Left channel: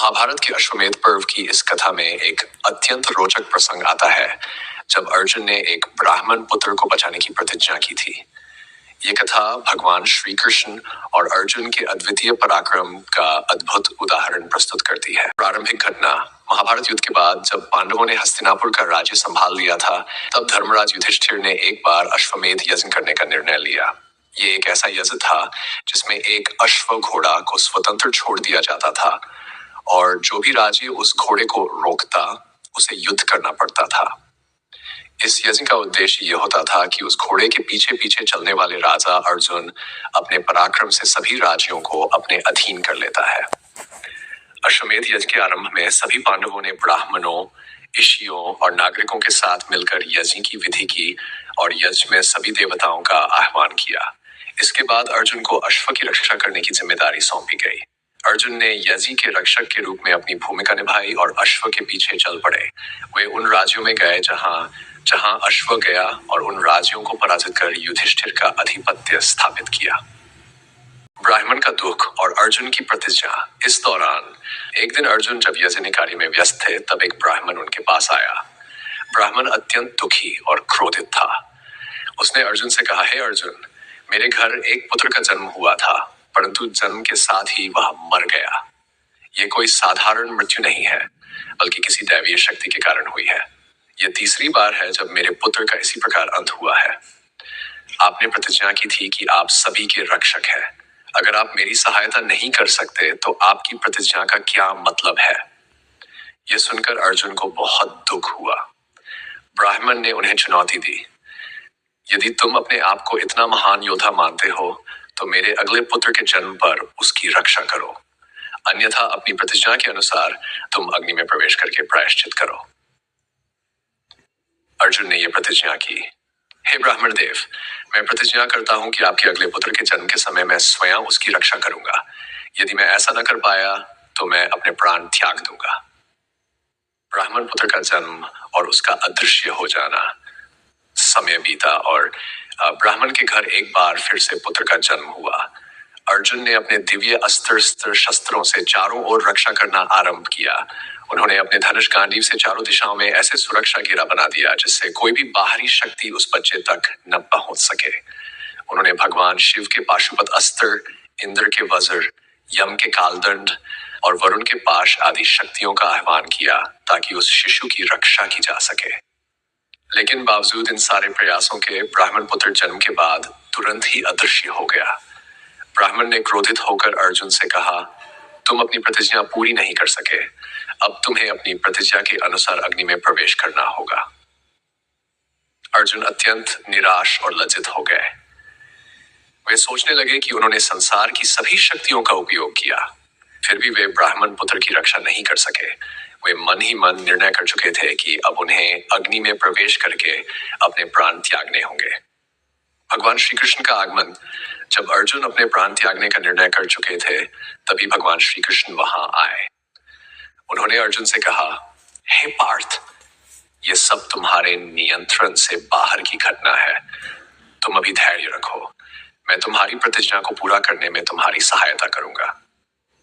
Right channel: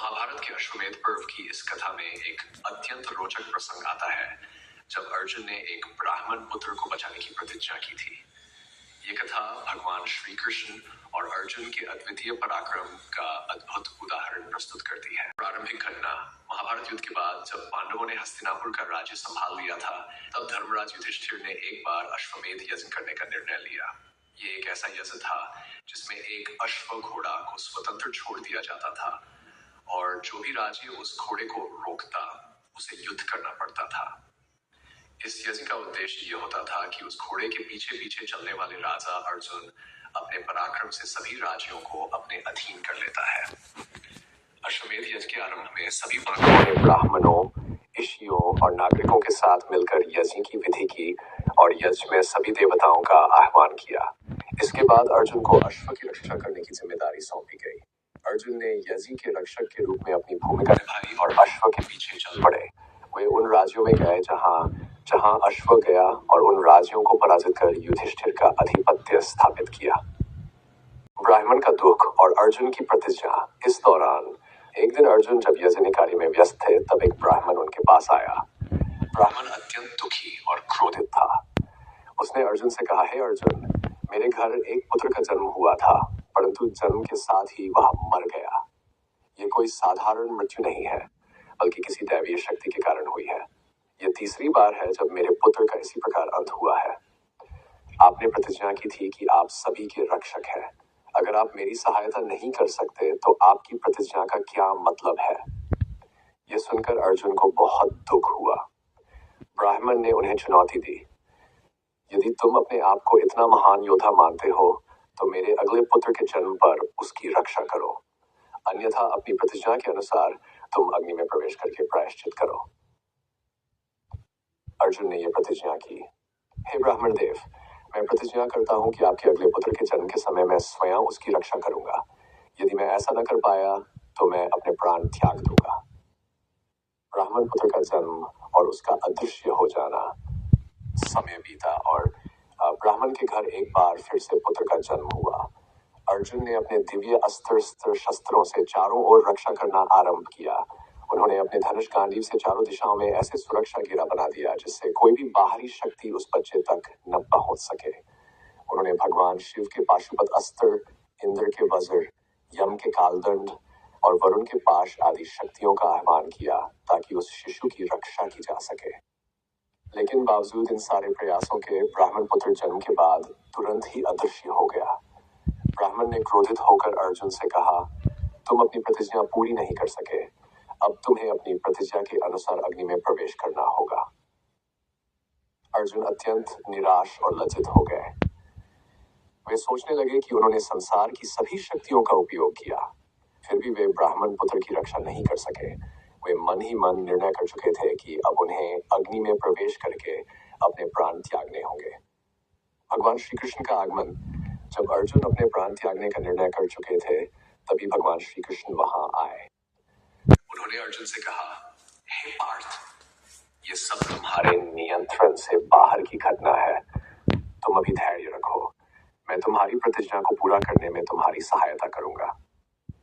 महाभारत के अश्वमेध पर्व की इस कथा में एक अत्यंत रोचक प्रसंग आता है जब अर्जुन ने एक ब्राह्मण पुत्र को बचाने की प्रतिज्ञा की थी। ये कथा भगवान श्री कृष्ण और अर्जुन के अद्वितीय पराक्रम का अद्भुत उदाहरण प्रस्तुत करती है। प्रारंभिक घटना: महाभारत युद्ध के बाद जब पांडवों ने हस्तिनापुर का राज्य संभाल लिया था, तब धर्मराज युधिष्ठिर ने एक बार अश्वमेध यज्ञ करने का निर्णय लिया। ये एक ऐसा यज्ञ था जिसमें एक अश्व घोड़ा को स्वतंत्र छोड़ दिया जाता था और जो भी राजे उस घोड़े को रोकता उसे युद्ध करना पड़ता था। इस यज्ञ का उद्देश्य यह होता था कि उस घोड़े के पीछे पीछे चलने वाले राजा अर्जुन अपने पराक्रम से सभी राज्यों को अपने अधीन कर लेता है। अश्वमेध यज्ञ के आरंभ में सभी पांडवों ने ब्राह्मणों, ऋषियों और नागरिकों के साथ मिलकर यज्ञ की विधि की और यज्ञ में सभी देवताओं का आह्वान किया। इसके बाद अर्जुन को अश्व की रक्षा करने की जिम्मेदारी सौंपी गई। अर्जुन ने यज्ञ के रक्षक के रूप में अपनी भूमिका निभाई और अश्व के पीछे चल पड़े। वे उन राज्यों में गए जहां जहां अश्व गया और उन राज्यों को पराजित कर युधिष्ठिर का अधिपत्य स्थापित किया। ब्राह्मण का दुख और अर्जुन की प्रतिज्ञा। इस दौरान एक दिन अर्जुन जब यज्ञ कार्य में व्यस्त थे, तब एक ब्राह्मण उनके पास आया। ब्राह्मण अत्यंत दुखी और क्रोधित था। उसने अर्जुन से कहा, हे अर्जुन, मेरे घर एक पुत्र का जन्म हुआ था, परंतु जन्म के साथ ही वह मर गया। ये कोई साधारण मृत्यु नहीं है, बल्कि किसी दैवीय शक्ति के कारण हुई है। यह तीसरी बार है जब मेरे पुत्र का इसी प्रकार अंत हुआ है। आपने प्रतिज्ञा की थी कि आप सभी के रक्षक हैं। अगर आप मेरी सहायता नहीं कर सकते तो आपकी प्रतिज्ञा का क्या मतलब है? यह सुनकर अर्जुन को बहुत दुख हुआ। ब्राह्मण ने उन्हें चुनौती दी, यदि तुम अपने आप को इतना महान योद्धा मानते हो तो मेरे अगले पुत्र के जन्म पर उसकी रक्षा करो, अन्यथा अपनी प्रतिज्ञा के अनुसार तुम अग्नि में प्रवेश करके प्रायश्चित करो। अर्जुन ने यह प्रतिज्ञा की, हे ब्राह्मण देव, मैं प्रतिज्ञा करता हूं कि आपके अगले पुत्र के जन्म के समय मैं स्वयं उसकी रक्षा करूंगा। यदि मैं ऐसा न कर पाया तो मैं अपने प्राण त्याग दूंगा। ब्राह्मण पुत्र का जन्म और उसका अदृश्य हो जाना। समय बीता और ब्राह्मण के घर एक बार फिर से पुत्र का जन्म हुआ। अर्जुन ने अपने दिव्य अस्त्र शस्त्रों से चारों ओर रक्षा करना आरंभ किया। उन्होंने अपने धनुष गांडीव से चारों दिशाओं में ऐसे सुरक्षा घेरा बना दिया जिससे कोई भी बाहरी शक्ति उस बच्चे तक न पहुंच सके। उन्होंने भगवान शिव के पाशुपत अस्त्र, इंद्र के वज्र, यम के कालदंड और वरुण के पाश आदि शक्तियों का आह्वान किया ताकि उस शिशु की रक्षा की जा सके। लेकिन बावजूद इन सारे प्रयासों के ब्राह्मण पुत्र जन्म के बाद तुरंत ही अदृश्य हो गया। ब्राह्मण ने क्रोधित होकर अर्जुन से कहा, तुम अपनी प्रतिज्ञा पूरी नहीं कर सके, अब तुम्हें अपनी प्रतिज्ञा के अनुसार अग्नि में प्रवेश करना होगा। अर्जुन अत्यंत निराश और लज्जित हो गए। वे सोचने लगे कि उन्होंने संसार की सभी शक्तियों का उपयोग किया, फिर भी वे ब्राह्मण पुत्र की रक्षा नहीं कर सके। वे मन ही मन निर्णय कर चुके थे कि अब उन्हें अग्नि में प्रवेश करके अपने प्राण त्यागने होंगे। भगवान श्री कृष्ण का आगमन। जब अर्जुन अपने प्राण त्यागने का निर्णय कर चुके थे, तभी भगवान श्री कृष्ण वहां आए। उन्होंने अर्जुन से कहा, हे पार्थ, ये सब तुम्हारे नियंत्रण से बाहर की घटना है। तुम अभी धैर्य रखो, मैं तुम्हारी प्रतिज्ञा को पूरा करने में तुम्हारी सहायता करूंगा।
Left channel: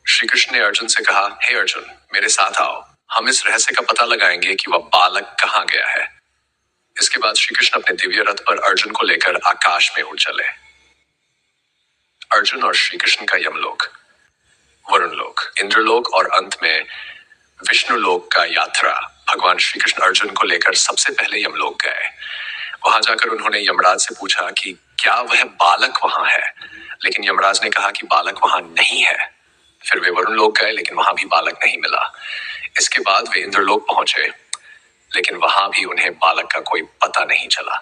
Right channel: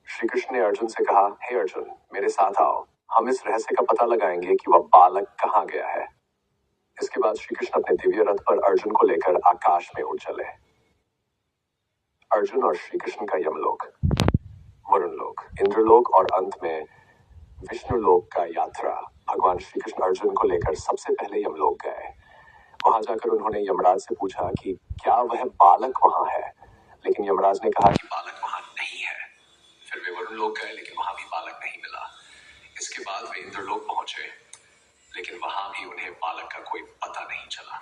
श्री कृष्ण ने अर्जुन से कहा, हे अर्जुन, मेरे साथ आओ, हम इस रहस्य का पता लगाएंगे कि वह बालक कहाँ गया है। इसके बाद श्री कृष्ण अपने दिव्य रथ पर अर्जुन को लेकर आकाश में उड़ चले। अर्जुन और श्री कृष्ण का यमलोक, वरुण लोक, इंद्रलोक और अंत में विष्णु लोक का यात्रा। भगवान श्री कृष्ण अर्जुन को लेकर सबसे पहले यमलोक गए। वहां जाकर उन्होंने यमराज से पूछा कि क्या वह बालक वहां है, लेकिन यमराज ने कहा कि बालक वहां नहीं है। फिर वे वरुण लोक गए, लेकिन वहां भी बालक नहीं मिला। इसके बाद वे इंद्रलोक पहुंचे, लेकिन वहां भी उन्हें बालक का कोई पता नहीं चला।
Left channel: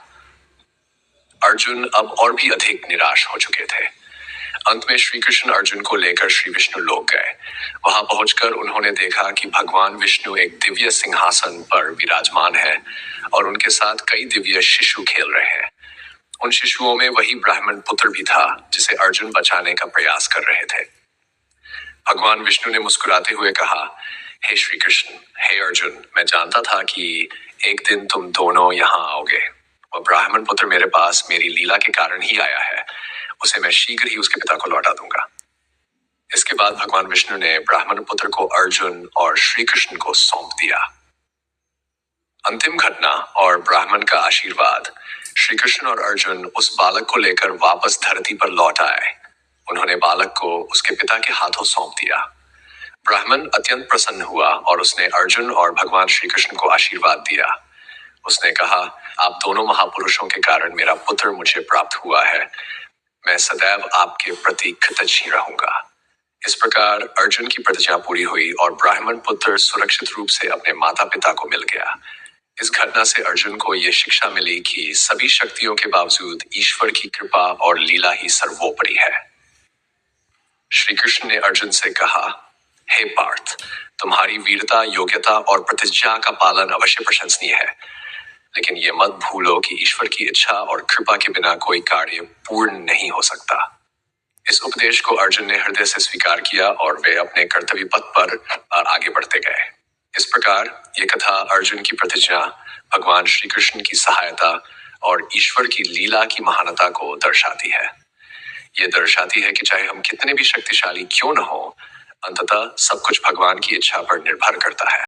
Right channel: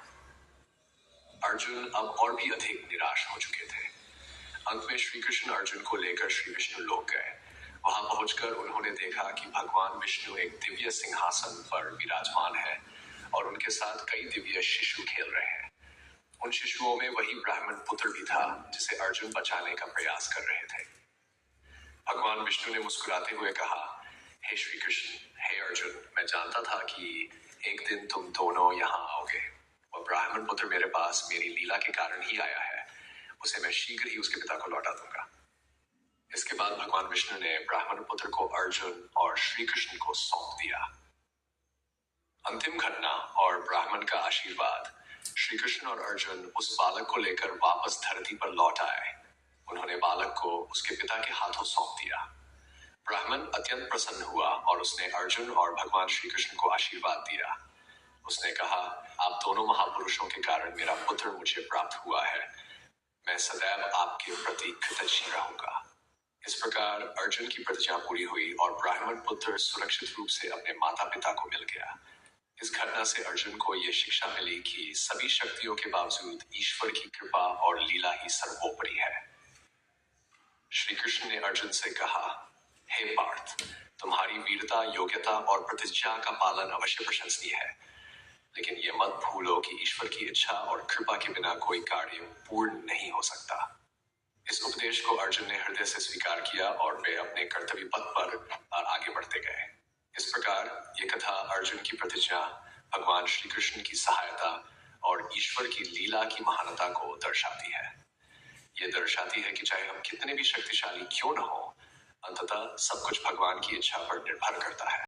अर्जुन अब और भी अधिक निराश हो चुके थे। अंत में श्री कृष्ण अर्जुन को लेकर श्री विष्णु लोक गए। वहां पहुंचकर उन्होंने देखा कि भगवान विष्णु एक दिव्य सिंहासन पर विराजमान है और उनके साथ कई दिव्य शिशु खेल रहे हैं। उन शिशुओं में वही ब्राह्मण पुत्र भी था जिसे अर्जुन बचाने का प्रयास कर रहे थे। भगवान विष्णु ने मुस्कुराते हुए कहा, हे श्री कृष्ण, हे अर्जुन, मैं जानता था कि एक दिन तुम दोनों यहाँ आओगे। वह ब्राह्मण पुत्र मेरे पास मेरी लीला के कारण ही आया है। उसे मैं शीघ्र ही उसके पिता को लौटा दूंगा। इसके बाद भगवान विष्णु ने ब्राह्मण पुत्र को अर्जुन और श्री कृष्ण को सौंप दिया। अंतिम घटना और ब्राह्मण का आशीर्वाद। श्री कृष्ण और अर्जुन उस बालक को लेकर वापस धरती पर लौट आए। उन्होंने बालक को उसके पिता के हाथों सौंप दिया। ब्राह्मण अत्यंत प्रसन्न हुआ और उसने अर्जुन और भगवान श्री कृष्ण को आशीर्वाद दिया। उसने कहा, आप दोनों महापुरुषों के कारण मेरा पुत्र मुझे प्राप्त हुआ है। मैं सदैव आपके प्रति कृतज्ञ रहूंगा। इस प्रकार अर्जुन की प्रतिज्ञा पूरी हुई और ब्राह्मण पुत्र सुरक्षित रूप से अपने माता पिता को मिल गया। इस घटना से अर्जुन को यह शिक्षा मिली कि सभी शक्तियों के बावजूद ईश्वर की कृपा और लीला ही सर्वोपरि है। श्री कृष्ण ने अर्जुन से कहा, हे पार्थ, तुम्हारी वीरता, योग्यता और प्रतिज्ञा का पालन अवश्य प्रशंसनीय है, लेकिन ये मत भूलो कि ईश्वर की इच्छा और कृपा के बिना कोई कार्य पूर्ण नहीं हो सकता। इस उपदेश को अर्जुन ने हृदय से स्वीकार किया और वे अपने कर्तव्य पथ पर आगे बढ़ते गए। इस प्रकार ये कथा अर्जुन की प्रतिज्ञा, भगवान श्री कृष्ण की सहायता और ईश्वर की लीला की महानता को दर्शाती है। ये दर्शाती है कि चाहे हम कितने भी शक्तिशाली क्यों न हो, अंततः सब कुछ भगवान की इच्छा पर निर्भर करता है।